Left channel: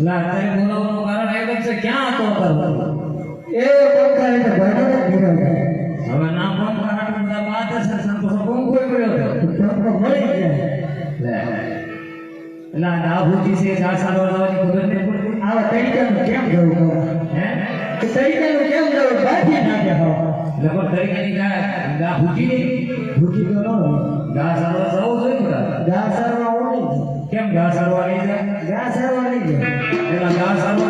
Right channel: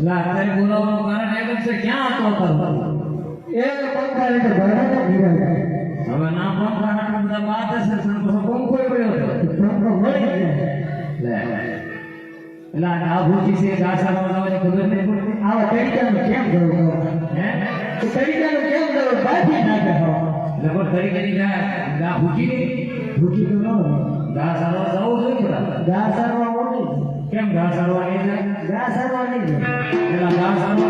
લાતે બોલાવવાનું કારણ એ બનશે ક્યાં હતો કરવો એ પંખા એટલે ઘરમાં ઘરે હતો હવે ના પંખા હાટું બધા વાત છે સંતો પંખો પડ્યો હતો પંખો મળી ગયો લે એટલે આ ભૂજી છે આ સારવાર લાવવાની ખબર નહીં પડતી આ તરીકાનું કેમ ગયું હે તો તરીકાનું કેમ ગયું બાકી ના કહેવા લગભગ તરીકાની ગા ગા ભૂજી ભૂજી તો ન ગા સારવાર જવું જોઈએ ગા સારવાર કેમ ગા સારવાર ગા સારવાર Gracias.